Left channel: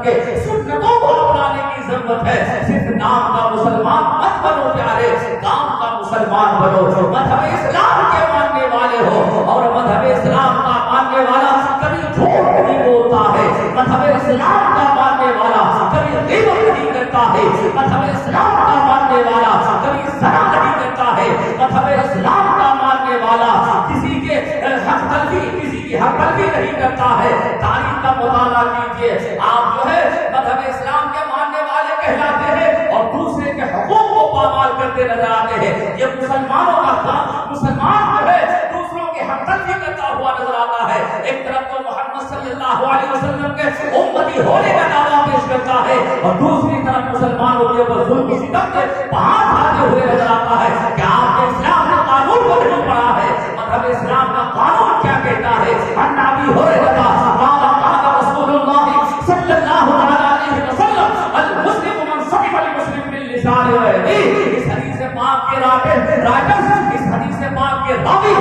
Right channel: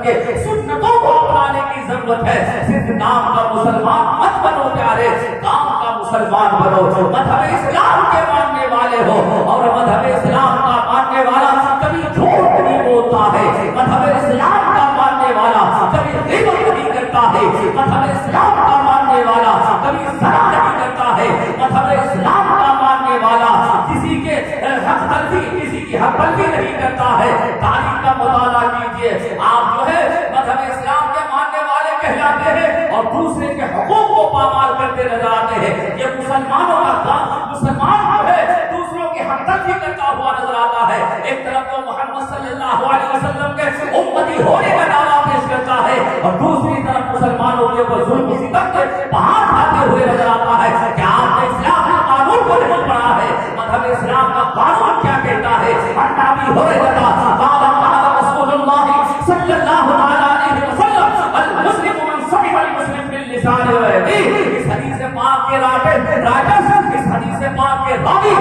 وسلم کے سنتوں کو اپنانے کی ضرورت ہے. صرف نام کا مسلمان مت بنو پیارے, کام کا مسلمان بنو. مذہب اسلام کے ماننے والے ہو, اور مذہب اسلام کا ماننے والا کبھی جھوٹ نہیں بولتا ہے. مذہب اسلام کا ماننے والا کبھی غیبت نہیں کرتا ہے. مذہب اسلام کا ماننے والا کبھی زنا نہیں کرتا ہے. مذہب اسلام کا ماننے والا کسی کے حق تلفی, کسی کی حق تلفی نہیں کرتا ہے. تاریخ کا مطالعہ کیجیے, آپ جو ہے مذہب اسلام کے ماننے والے کہلاتے ہیں اور دوسرے کے حقوق کو پامال کرتے نظر آتے ہیں. یہ مسلمانوں کا کام, مسلمان جو ہے دوسروں کی حق تلفی کرتا ہوا نظر آتا ہے. ایک طرف تو محمد صلی اللہ علیہ وسلم کے امتی ہونے کا دعویٰ پیش کرتا ہے, اور دوسری طرف مسلمانوں کے اوپر ظلم و ستم کے پہاڑ کھاتے ہوئے نظر آتا ہے. کیا آپ نے اسلام کے قانون کو نہیں پڑھا ہے؟ مذہب اسلام کا قانون کیا کہتا ہے؟ عن ابی ہریرہ قال قال رسول اللہ صلی اللہ علیہ وسلم المسلم من سلم المسلم باللسان ويده. اس حدیث پاک کے رائٹرز, اس حدیث پاک کے راوی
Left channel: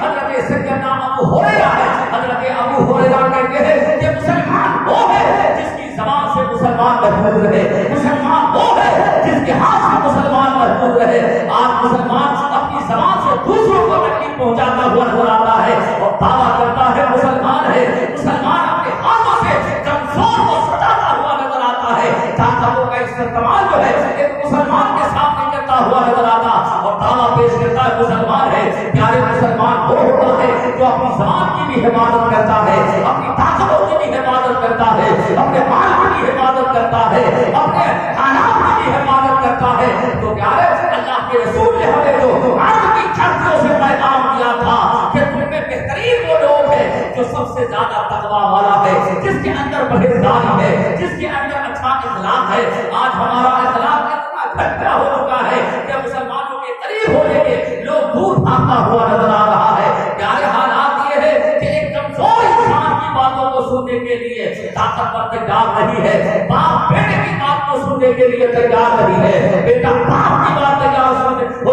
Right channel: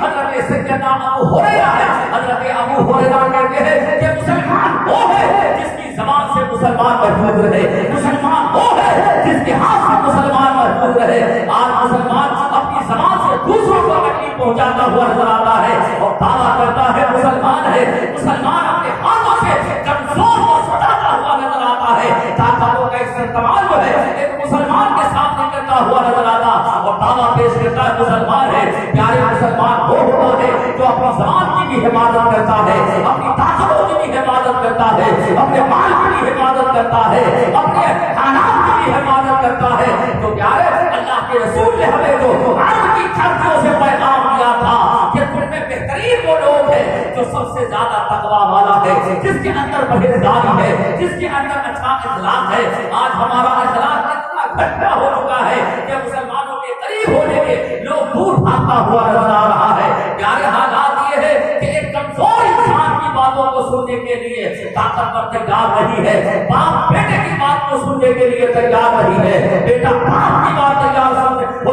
حضرت سیدنا ابو ہریرہ ہے. حضرت ابو ہریرہ کہتے ہیں کہ مسلمان وہ ہے جس کی زبان سے مسلمان محفوظ رہے, مسلمان وہ ہے جس کے ہاتھ سے مسلمان محفوظ رہے. آج مسلمان اپنی زبان سے دوسروں کو تکلیف پہنچاتا ہوا نظر آتا ہے اور دعویٰ کرتا ہے مسلمان ہے. مسلمان اپنے ہاتھوں سے کمزور کو سٹاتا ہوا نظر آتا ہے. طاقتوں کا استعمال جو ہے ایک مسلمان کے سامنے کرتا ہوا نظر آتا اور دعویٰ پیش کرتا ہے مسلمان ہے. پیارے مسلمان وہ ہوتا ہے جو اپنی زبان کی بھی حفاظت کرتا ہے, اپنی طاقتوں کی بھی حفاظت کرتا ہے, اپنے مال کی بھی حفاظت کرتا ہے, اپنے خاندان کی بھی حفاظت کرتا ہے. تو پیارے اللہ کے رسول نے ہمیں جو عرب کی دھرتیوں سے پیغام دیا تھا کہ تم میں بہترین وہ لوگ ہیں جو سب سے زیادہ تقویٰ والا ہے, جس کے اندر پرہیزگاری ہے, جس کے اندر اچھا اخلاق ہے. آج ہمارا اخلاق اتنا گھٹا ہو چکا ہے کہ مسلمانوں کے قریب ہونے کے لوگ دور بھاگتا ہوا نظر آ رہا ہے. پیارے حالات یہ ہے کہ ایک کمزور انسان کی باتوں کو سننے کے لیے طاقتور تیار نہیں ہے, باپ بیٹے کی بات کو سننے کے لیے تیار نہیں ہے, بیٹا باپ کی بات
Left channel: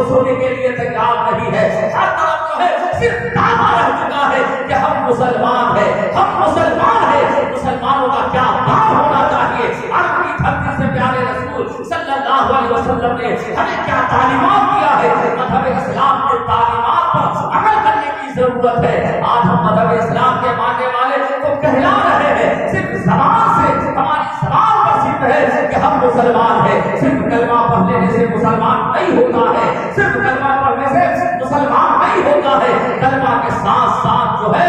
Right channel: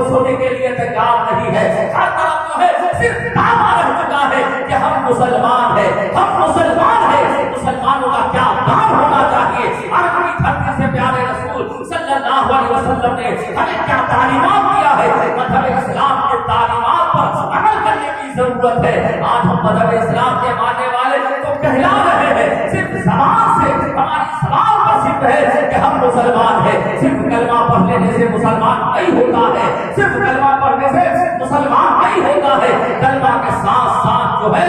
سننے کے لیے تیار نہیں ہے. ہر طرف جو ہے صرف دعویٰ رہ چکا ہے کہ ہم مسلمان ہیں, ہم مسلمان ہیں. مسلمانوں کا کیا کام ہونا چاہیے؟ عرب کی دھرتی سے پیارے رسول صلی اللہ علیہ وسلم نے ہمیں کیا تعلیمات دیا ہے؟ مذہب اسلام کے تعلیمات پر عمل کرنے کی ضرورت ہے. آج ہم مذہب اسلام کے ماننے والے کو کہلا رہے ہیں, صرف زبان سے ہماری زبان پر صرف ہے کہ ہم مسلمان ہیں. صرف کلمہ پڑھ لینے سے مسلمان نہیں ہوتا ہے, صرف کلمہ پڑھنے سے مسلمان نہیں ہوتا ہے. کلمہ کے ساتھ ساتھ جو ہے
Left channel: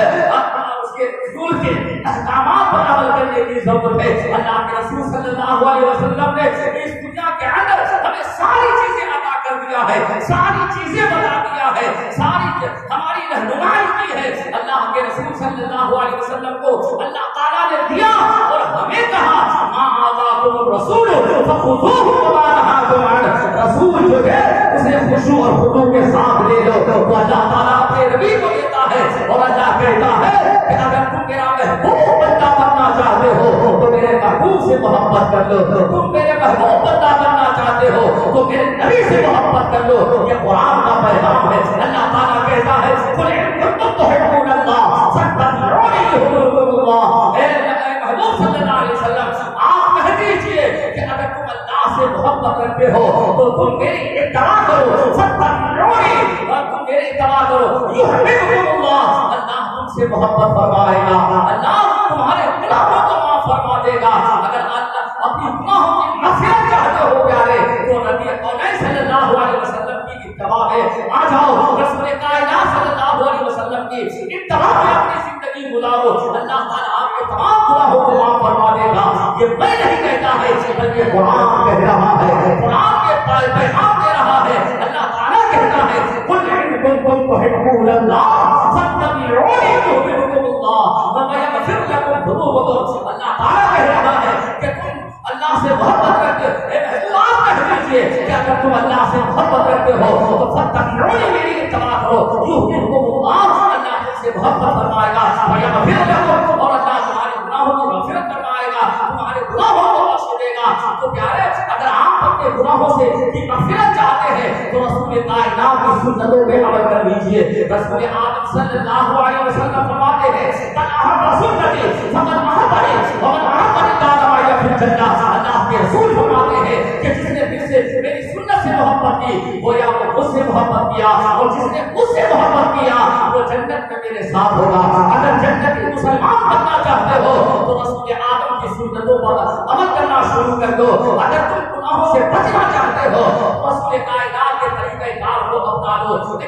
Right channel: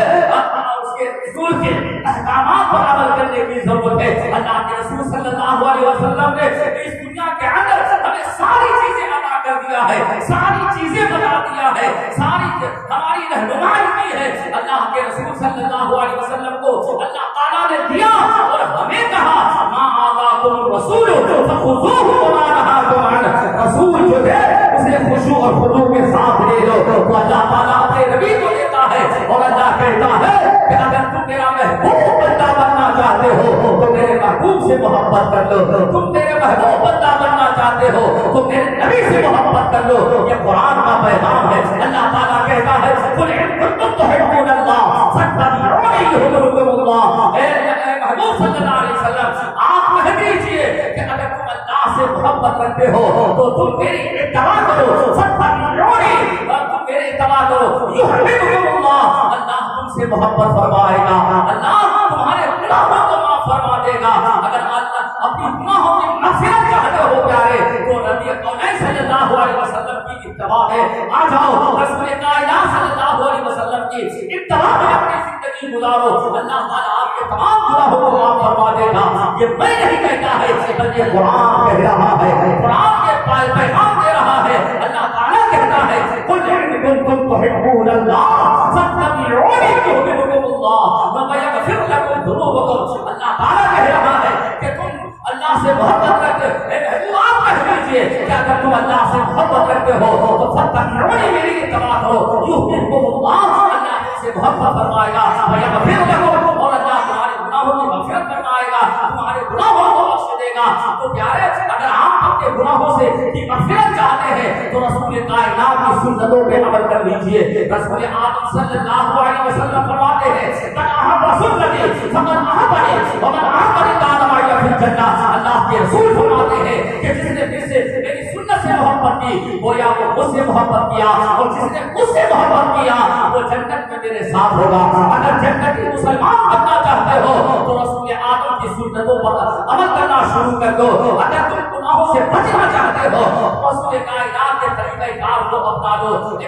اس کے رسول کے احکامات پر عمل کرنے کی ضرورت ہے. اللہ کے رسول صلی اللہ علیہ وسلم نے اس دنیا کے اندر ہمیں ساری چیزیں عطا کر دیا ہے, ساری چیزیں بتا دیا ہے, ساری ہماری رہنمائی کی ہے. اللہ کے رسول صلی اللہ علیہ وسلم کو اللہ تعالیٰ نے دیا اور ہمیں کہا ما آتاکم الرسول فخذوہ وما نہاکم عنہ. رسول جو ہے اسے خشوع اور خضوع کے ساتھ لے لو. تو اللہ تعالیٰ اپنے نبی کو دیتا ہے اور اللہ کہتا ہے کہ اگر تم میرا محبوب بندہ بننا چاہتے ہو تو میرے محبوب سے محبت کر لو, تم میرے محبوب بندہ بننا چاہتے ہو تو میرے نبی سے محبت کر لو. یہ قرآن کا پیغام ہے. اللہ تعالیٰ کہتا ہے قل ان کنتم تحبون اللہ فاتبعونی یحببکم اللہ. اے محبوب صلی اللہ علیہ وسلم آپ کہہ دیجئے کہ اگر تم اللہ سے محبت رکھتے ہو تو تم میری اتباع کرو, فاتبعونی, اور تم میرے اتباع کرو, یحببکم اللہ, اللہ تم سے محبت فرمائے گا, اللہ تمہارے گناہوں کو معاف فرما دے گا. اگر اللہ اپنی گناہوں کی مغفرت چاہتے ہو پیارے تو نبی کونین صلی اللہ علیہ وسلم کی اتباع ہے. آ جاؤ رسول کائنات صلی اللہ علیہ وسلم کی اتباع میں اپنی زندگی گزارو, اللہ تعالیٰ آپ کے تمام گناہوں کو معاف فرما دے گا. یہ میں نہیں کہتا ہے بلکہ قرآن کہہ رہا ہے, قرآن کے پیغام دے رہا ہے. اللہ تعالیٰ کہتا ہے قل ان کنتم تحبون اللہ فاتبعونی یحببکم اللہ ویغفر لکم ذنوبکم. اللہ تعالیٰ کہہ رہا ہے کہ تم اللہ سے محبت رکھتے ہو. آپ کہہ دیجیے کہ اگر تم اللہ سے محبت رکھتے ہو تو فاتبعونی, میری اتباع کرو, یحببکم اللہ, اللہ تم سے محبت فرمائے گا, ویغفر لکم, اور اللہ تمہارے گناہوں کی مغفرت فرمائے گا, تمہارے گناہوں کو بخش دے گا. تو پیارے اگر آپ اپنے گناہوں سے کی مغفرت چاہتے ہیں تو رسول کائنات کی سنتوں پہ عمل کر لیجیے. رسول آدم صلی اللہ علیہ وسلم فرماتے ہیں من احب سنتی فمن احبنی ومن احبنی سے محبت کیا اور جس نے مجھ سے محبت کیا وہ جنت میں میرے ساتھ ہوگا. اگر جنتی مسلمان بننا چاہتے ہو تو رسول آدم کی سنتوں پر عمل کرنا شروع کر دو. اگر تم گناہوں سے بچنا چاہتے ہو رسول کائنات کے طریقہ کار کو اپنا لو,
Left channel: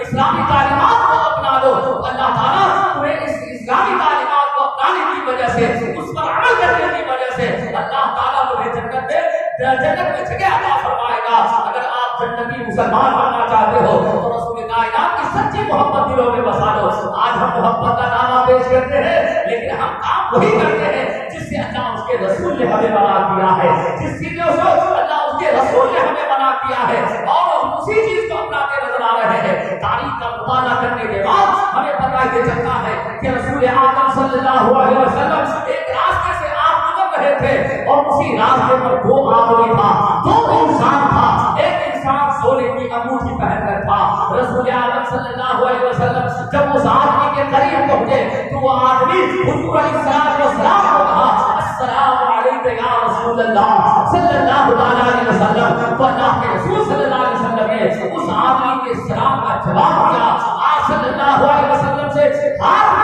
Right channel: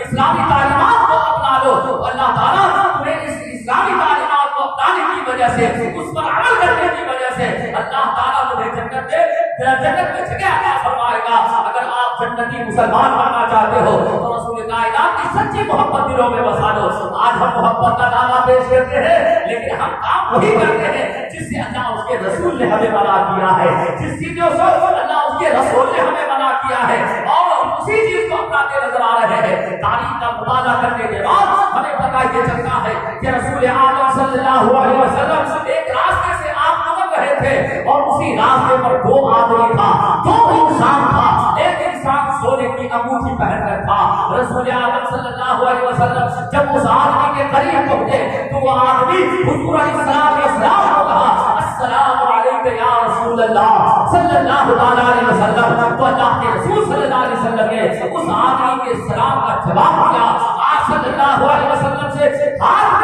اسلامی تعلیمات کو اپنا لو. اللہ تعالیٰ تمہیں اس اسلامی تعلیمات کو اپنانے کی وجہ سے, اس پر عمل کرنے کی وجہ سے اللہ تعالیٰ تمہیں جنت میں جگہ عطا فرمائے گا. اگر آپ جنتی مسلمان بننا چاہتے ہو تو رسول کائنات کی سچی محبت دلوں میں بسا لو. آج ہم محبت کا دعویٰ پیش کرتے ہیں لیکن ہم کام وہی کرتے ہیں جس سے اللہ اس کے رسول نے ہمیں منع کیا ہے, جس چیزوں سے اللہ اس کے رسول نے ہمیں منع کیا ہے, اور ہم اسی چیز کو اپناتے نظر آ رہے ہیں. تاریخ کا مطالعہ کرنے کے بعد ہمیں پتہ یہ چلتا ہے کہ رسول اعظم صلی اللہ علیہ وسلم ایک راستے سے آپ گزر رہے تھے اور اسی راستے پر دو آدمی تھا, دو انسان تھا. ایک انسان سونے کی انگوٹھی پہن کر تھا. رسول اعظم صلی اللہ علیہ وسلم جب اس آدمی کے قریب پہنچے تو وہ آدمی حضور علیہ السلام کو کہا السلام علیکم یا رسول اللہ صلی اللہ علیہ وسلم. تو اللہ کے رسول صلی اللہ علیہ وسلم نے اس آدمی کے سلام کا جواب دیا. آپ صلی اللہ علیہ وسلم سے ہاتھ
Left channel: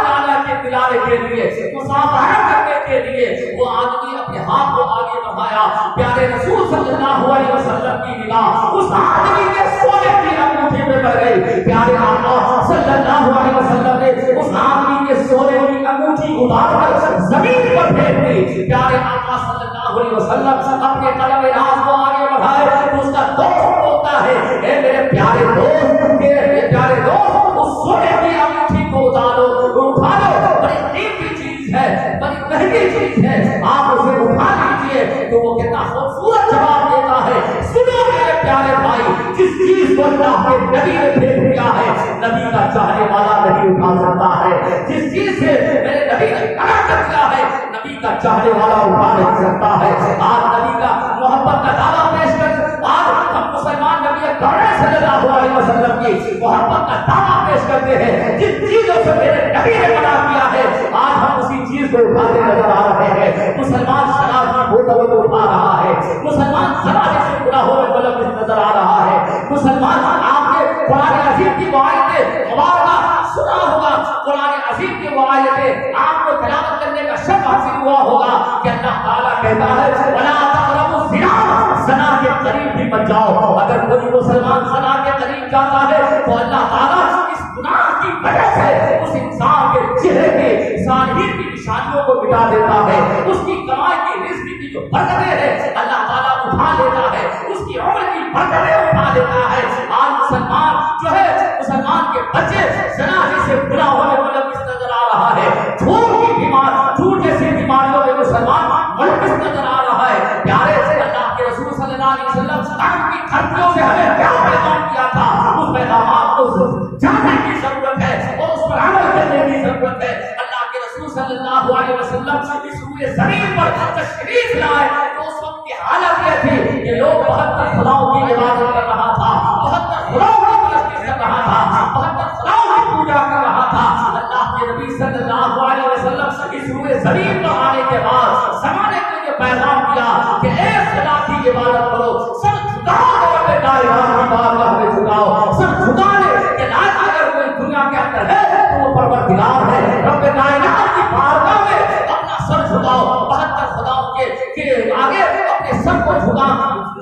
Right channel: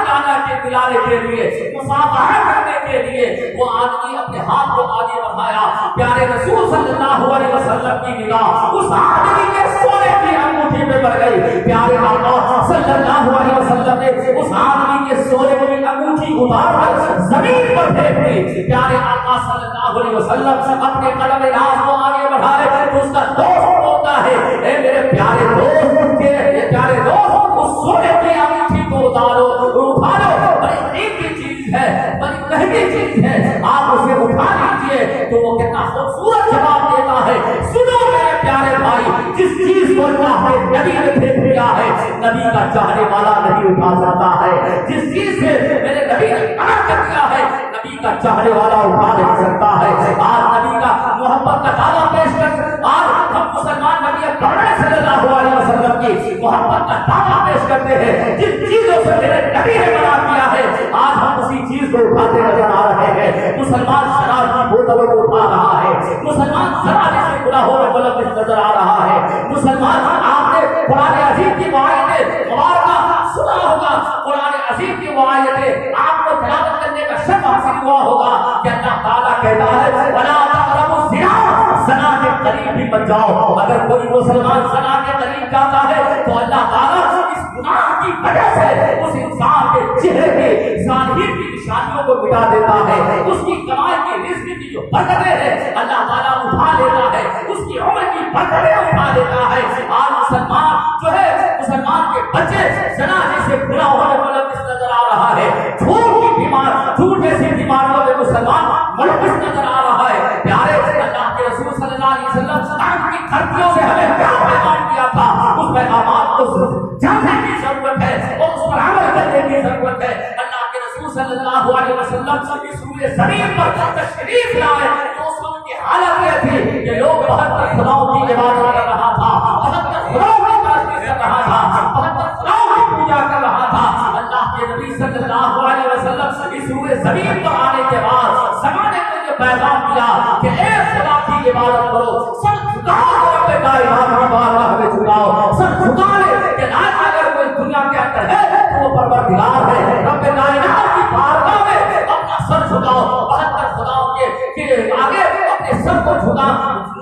ملانے کے لیے, مصافحہ کرنے کے لیے وہ آدمی اپنے ہاتھ کو آگے بڑھایا. پیارے رسول صلی اللہ علیہ وسلم کی نگاہ اس آدمی کے سونے کی انگوٹھی پہ پڑ گئی. پیارے آقا صلی اللہ علیہ وسلم نے اس آدمی کے سونے کی انگوٹھی اتار کر زمین پر پھینک دی. پیارے آقا صلی اللہ علیہ وسلم اپنے قلم راز کو آگے بڑھائے تو اس کا دوست ہوتا ہے, اے میرے پیارے دوست, میرے پیارے دوست, اس سونے کی انگوٹھی کو اٹھا لو. بڑی قیمتی چیز ہے, بڑی مہنگی چیز ہے, آپ اسے اٹھا لیجیے. تو وہ کتنا خوبصورت جواب دیتا ہے, سنو میرے پیارے بھائی, جس چیز کو اللہ کے نبی نے پھینک دیا ہے نبی کا چاہنے والا نہیں اٹھا سکتا ہے. جس چیز سے میرے نبی نے منع کر دیا ہے نبی کا چاہنے والا اٹھا نہیں سکتا ہے. آج نبی کا محبت کا دعویٰ پیش کر آج ہم مسلمان نبی صلی اللہ علیہ وسلم کی محبت کا دعویٰ پیش کرتے ہیں. جس چیزوں سے میرے نبی نے منع کیا ہے آج ہم اسی چیز کو اٹھاتے نظر آ رہے ہیں. مسلمان شراب کی بوتلوں کو اٹھا رہا ہے, مسلمان شراب سے گناہوں میں ملوث نظر آ رہا ہے. مسلمان, آپ نے قرآن عظیم کی آیتیں مبارکہ سنا ہوگا, قرآن عظیم کی آیتیں آپ کو تلاوت کرنے کا شرف حاصل ہوا ہوگا کہ اللہ تعالیٰ کہتا ہے وَلَا تَقْرَبُوا الزِّنَا, زنا کے قریب بھی مت جاؤ. اگر کوئی مسلمان زنا کے قریب جاتا ہے تو اللہ تعالیٰ اس گناہ کی وجہ سے اس انسان کے چہرے کے ظاہر کی نشانیوں کو مٹا دیتا ہے. اس کی کمائی کی رزق کی جو برکتیں ہیں اللہ تعالیٰ اٹھا لیتا ہے, اس کی عمر کی برکتیں اٹھا لیتا ہے. آج مسلمان جو ہے, مسلمان کے بچے زنا جیسے گناہوں میں ملوث نظر آ رہا ہے. جھوٹ جیسی بیماریوں میں مسلمان ملوث نظر آ رہا ہے. پیارے سے اللہ کے رسول صلی اللہ علیہ وسلم کی کھڑکیوں سے ہمیں کیا پیغام کیا تھا, اس پیغامات کو جاننے کی ضرورت ہے اور اس پر عمل کرنے کی ضرورت ہے. اللہ کے رسول صلی اللہ علیہ وسلم اس روئے زمین پر تشریف لائے تو اس وقت کی حالت یہ تھی کہ لوگ 72 خداؤں کی عبادت کر رہا تھا, 72 خداؤں کی پرستش کر رہا تھا, 72 خداؤں کی پوجا کر رہا تھا. اللہ کے نبی صلی اللہ علیہ وسلم اس روئے زمین پر آنے کے بعد زمانے کو یہ پیغام دیا کہ اے خدا کی عبادت کرو, سر جھکاؤ, رب لا الہ الا اللہ میں جھکاؤ, سر جھکا لے کہ لا اگر کوئی دنیا کے اندر ہے تو وہ پروردگار ہے. رب لا الہ کی بارگاہ میں اپنا سر جھکاؤ, 72 خداؤں کے آگے اپنے سر کو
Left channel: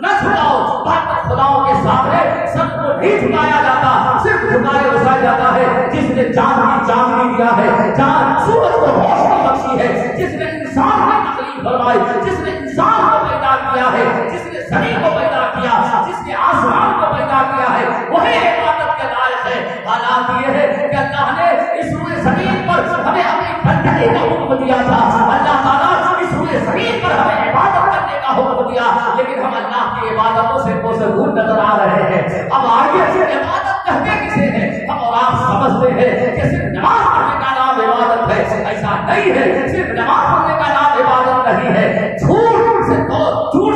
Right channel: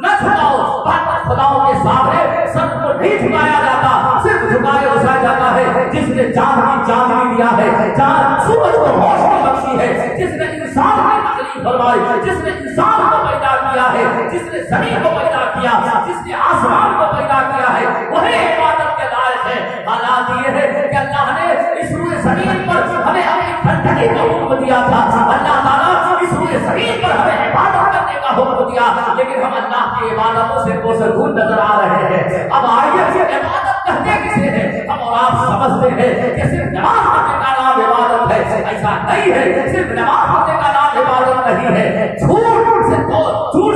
نہ جھکاؤ. 72 خداؤں کے سامنے سر کو نہیں جھکایا جاتا, صرف جھکائے بسا جاتا ہے جس نے چاند کی چاندنی دیا ہے, چاند سورج کو روشنی بخشی ہے, جس نے انسان کی تخلیق فرمائی, جس نے انسان کو پیدا کیا ہے, جس نے زمین کو پیدا کیا, جس نے آسمان کو پیدا کیا ہے, وہی عبادت کے لائق ہے. حالات یہ ہے کہ اللہ نے اس روئے زمین پر ہمیں اپنی بندگی کا حکم دیا تھا. اللہ تعالیٰ اس روئے زمین پر ہمیں عبادت کرنے کا حکم دیا, لیکن ہم اللہ کی عبادتوں سے کوسر نظر آ رہے ہیں. اب آئیے عبادت کہتے کسے ہیں, ہم اور آپ سمجھتے ہیں کہ صرف نماز پڑھنے کا نام عبادت ہے. ایسا نہیں ہے, صرف نماز پڑھنے کا نام عبادت نہیں ہے. جھوٹ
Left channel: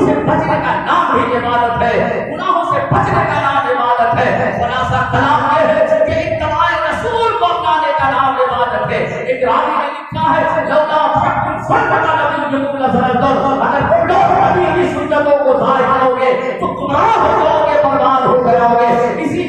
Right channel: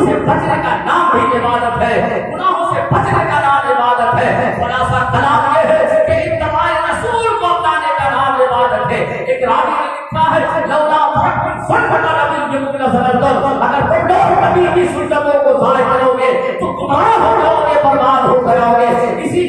سے بچنے کا نام بھی عبادت ہے, گناہوں سے بچنے کا نام عبادت ہے. خلاصہ کلام یہ ہے کہ اتباع رسول کو اپنانے کا نام عبادت ہے. ایک راوی نے لکھا ہے لولا اگر تم لوگ نبی کی سنتوں کو ضائع کرو گے تو گمراہ ہو جاؤ گے, برباد ہو جاؤ گے. اسی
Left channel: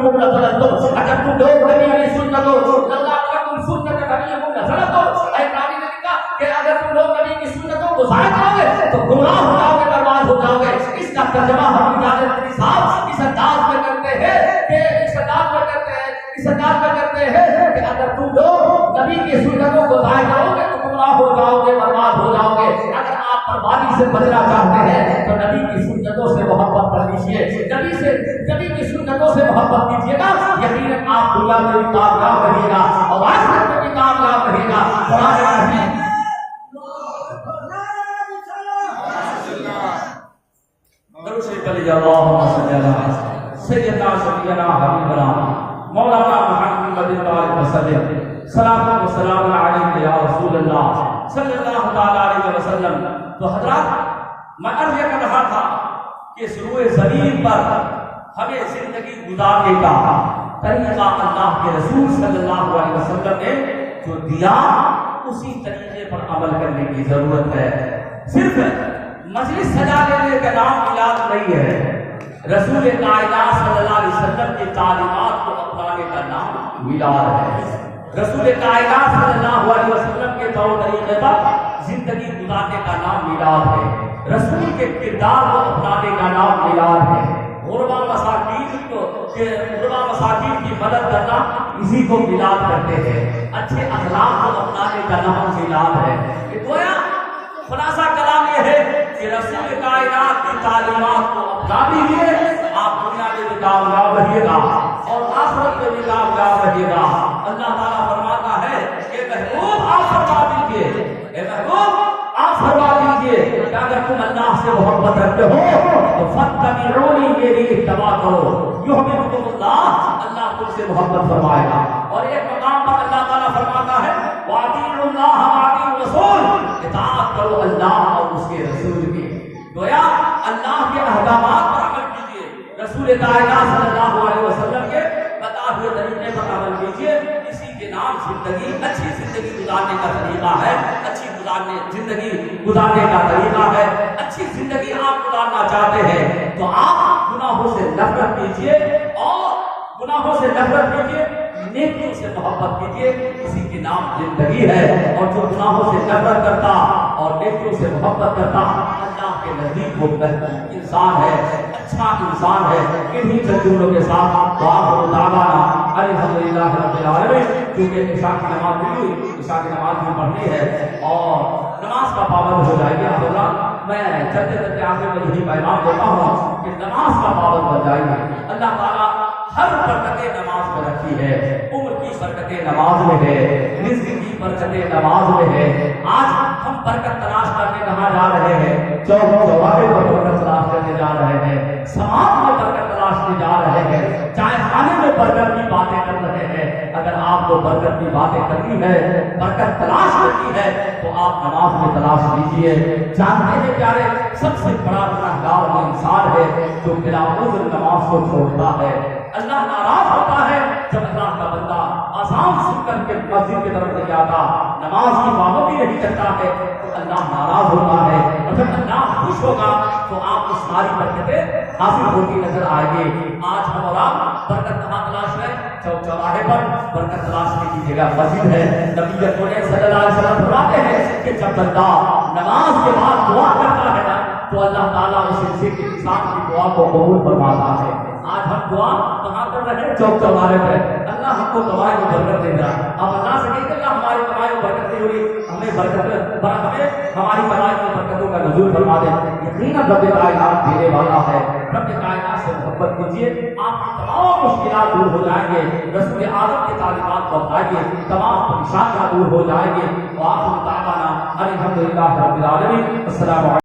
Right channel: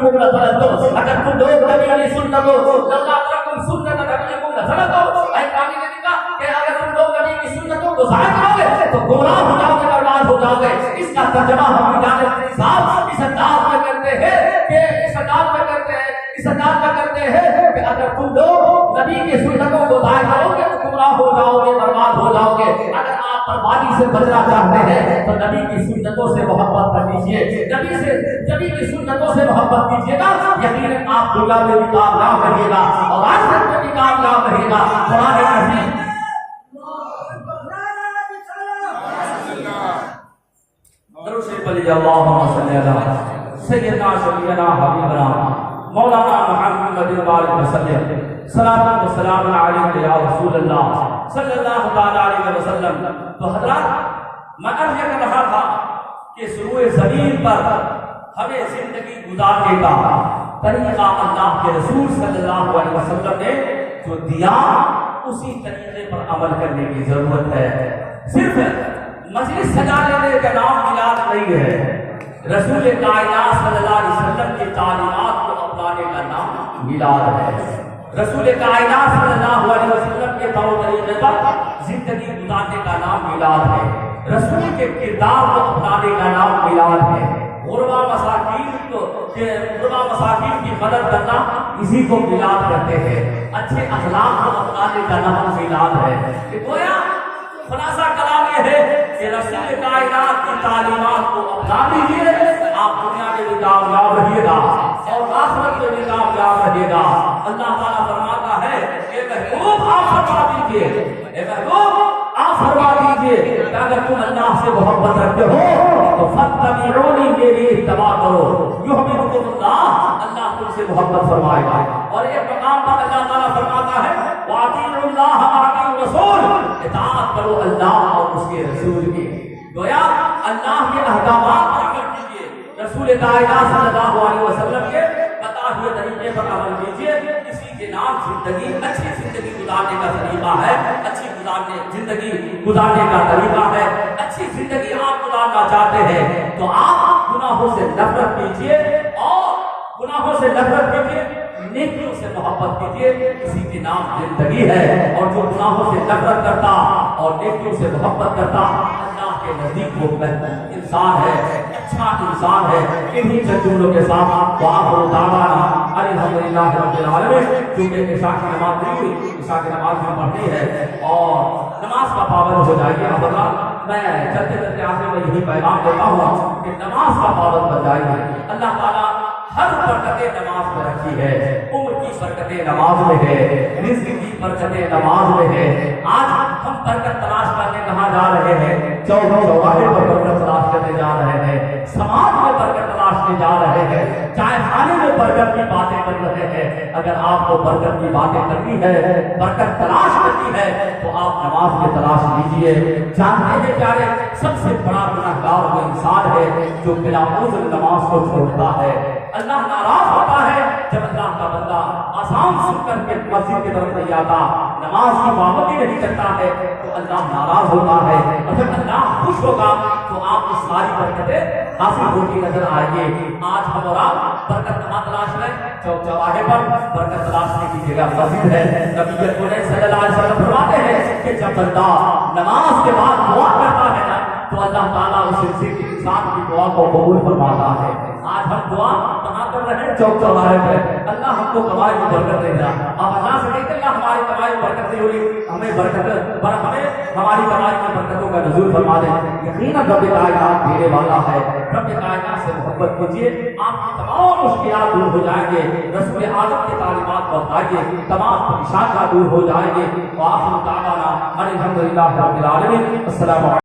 نبیکم لزلزلتم، اگر تم لوگ نبی کی سنتوں لولا ترکتم سنت نبیکم لزلزلتم، اے قرآن نے کہا کہ اگر تم لوگ نبی کی سنتوں کو ضائع کرو گے تو گمراہ ہو جاؤ گے، برباد ہو جاؤ گے۔ اس کا ترجمہ ہم کی جانب صاحب اس انداز میں کرتے ہیں کہ اگر تم لوگ نبی کی سنتوں کو ضائع کرو گے تو گمراہ ہو جاؤ گے، برباد ہو جاؤ گے۔ اگر آپ بربادی سے بچنا چاہتے ہیں تو نبی کی سنتوں سے محبت کر لیجیے، نبی کی سنتوں سے محبت کیجیے گا، یقیناً آپ دنیا میں بھی کامیاب رہیے گا اور آخرت میں بھی کامیاب رہیے گا۔ قرآن عظیم درود شریف پڑھیے، اللہم صلی علی سیدنا شفیعنا حبیبنا مولانا محمد وسلم، صلاۃ و سلام علیک یا رسول اللہ صلی اللہ تعالی علیہ وسلم۔ تو حضرات میں عرض کر رہا تھا کہ سروئے زمین پر ہمیں زندگی گزارنے کا طریقہ اللہ کے رسول صلی اللہ علیہ وسلم نے جو دیا اسی طریقے پر عمل کرنے کی ضرورت ہے۔ صرف مجلس سجا لینے کا نام میلاد نہیں ہے، رسول کائنات صلی اللہ علیہ وسلم کی تعلیمات کو اپنانے کا نام میلاد ہے۔ رسول کائنات صلی اللہ علیہ وسلم کے طور طریقے پر زندگی گزارنے کا نام میلاد ہے، رسول کے کردار کو اپنانے کا نام میلاد ہے۔ غربا مساکین کی مدد کرنا اسی کو میلاد کرتے ہیں، اچھے اخلاق کو اپنانے کا نام میلاد ہے۔ گویا خلاصہ کلام یہ ہے کہ رسول کائنات کی تعلیمات کو اپنا لیجیے، آپ دنیا میں بھی کامیاب رہیے گا اور آخرت میں بھی کامیاب رہیے گا۔ اللہ تعالیٰ فرماتا ہے کہ محبوب آپ فرما دیجیے، اے محبوب آپ فرما دیجیے کہ اگر تم اللہ سے محبت رکھتے ہو تو فاتبعونی، میری اتباع کرو، یحببکم اللہ، اللہ تم سے محبت فرمائے گا۔ اور ایک مقام پر اللہ تعالیٰ فرماتا ہے واطیعوا اللہ واطیعوا الرسول، اطاعت کرو اللہ اور اس کے رسول کی۔ گویا اللہ کے احکامات پر عمل کیجیے، رسول کائنات صلی اللہ علیہ وسلم کے بتائے ہوئے طریقے پر عمل کیجیے، اسی کے نام زندگی، اچھی زندگی گزارنے کا طریقہ ہے، اچھی زندگی گزارنے کا طریقہ ہے۔ اچھی زندگی آپ گزارنا چاہتے ہیں تو آپ گناہوں سے نفرت کیجیے، اور گناہوں سے نفرت کیجیے، نیکیوں سے محبت کیجیے، اسی کے نام زندگی ہے۔ اور جو گناہوں سے نفرت کرتا اور نیکیوں سے محبت کرتا اللہ کے نزدیک وہ بہتر انسان ہے، اچھا انسان ہے۔ انہی جملوں کے ساتھ وآخر دعوانا الحمدللہ رب العالمین۔ کیونکہ عشاء کی نماز نہیں ہوئی، عشاء کی نماز ہم پڑھنی ہے اور نماز کا پابند ہو جائے گا۔ حضرات میں چلتے چلتے آخر میں یہی پیغام دیتا ہوں کہ نماز کا پابند بن جائیے۔ اللہ تعالیٰ ہر برکتیں نماز میں رکھی ہے، عمر کی برکتیں نماز میں ہے، رزق کی برکتیں نماز میں ہے۔ آج ہم برکت تلاش کرنے کہاں جا رہے ہیں؟ چوراہے پر برکت تلاش کرنے جا رہے ہیں، سماج میں برکت تلاشنے جا رہے ہیں، چائے خانے میں برکت کی باتیں کر رہے ہیں۔ اگر آپ کو برکت کی باتیں کرنی ہے، برکت تلاش کرنی ہے تو آپ نماز میں تلاش لیجیے۔ جانتے ہیں پیارے، سب سے بڑا گنہگار وہ انسان ہے جو بلا عذر نماز کو چھوڑتا ہے۔ اللہ ناراض ہوتا ہے جب اللہ کا بندہ اذان سن کر کے مسجد کی طرف نہیں آتا، نماز کی پابندی نہیں کرتا ہے تو اللہ ناراض ہوتا ہے۔ اور جب اللہ خوش ہوگا تو آپ کو ساری برکتیں حاصل ہوتی نظر آئے گی۔ آج ہم اور آپ برکت کہاں تلاش رہے ہیں؟ چوراہے پر برکت تلاشنے کی جگہ مسجد ہے۔ نبی اکرم صلی اللہ علیہ وسلم فرماتے ہیں کہ جب بندہ نماز کے بعد دعا کرتا ہے نا تو اللہ تعالیٰ اس انسان کی دعا کو قبول فرماتا ہے۔ آج ہم دعا کہاں کر رہے ہیں؟ چوراہے پر۔ اللہ ہم کو کمائی میں برکت دے رہا، اب اللہ سے نہیں کہ اللہ ہماری کمائی میں برکت نہیں ہو رہی، ہمیں ہماری کمائی میں برکتوں کا نزول فرما دے۔ یقیناً رب کائنات دینے والا ہے، رب کائنات سے محبت کیجیے، آپ کی تمام مشکلات دور ہو جائیں گے۔ رسول اعظم کی تعلیمات کو اپنائیے، تمام پریشانیاں دور ہو جائیں گے۔ وآخر دعوانا الحمدللہ رب العالمین۔ السلام علیکم۔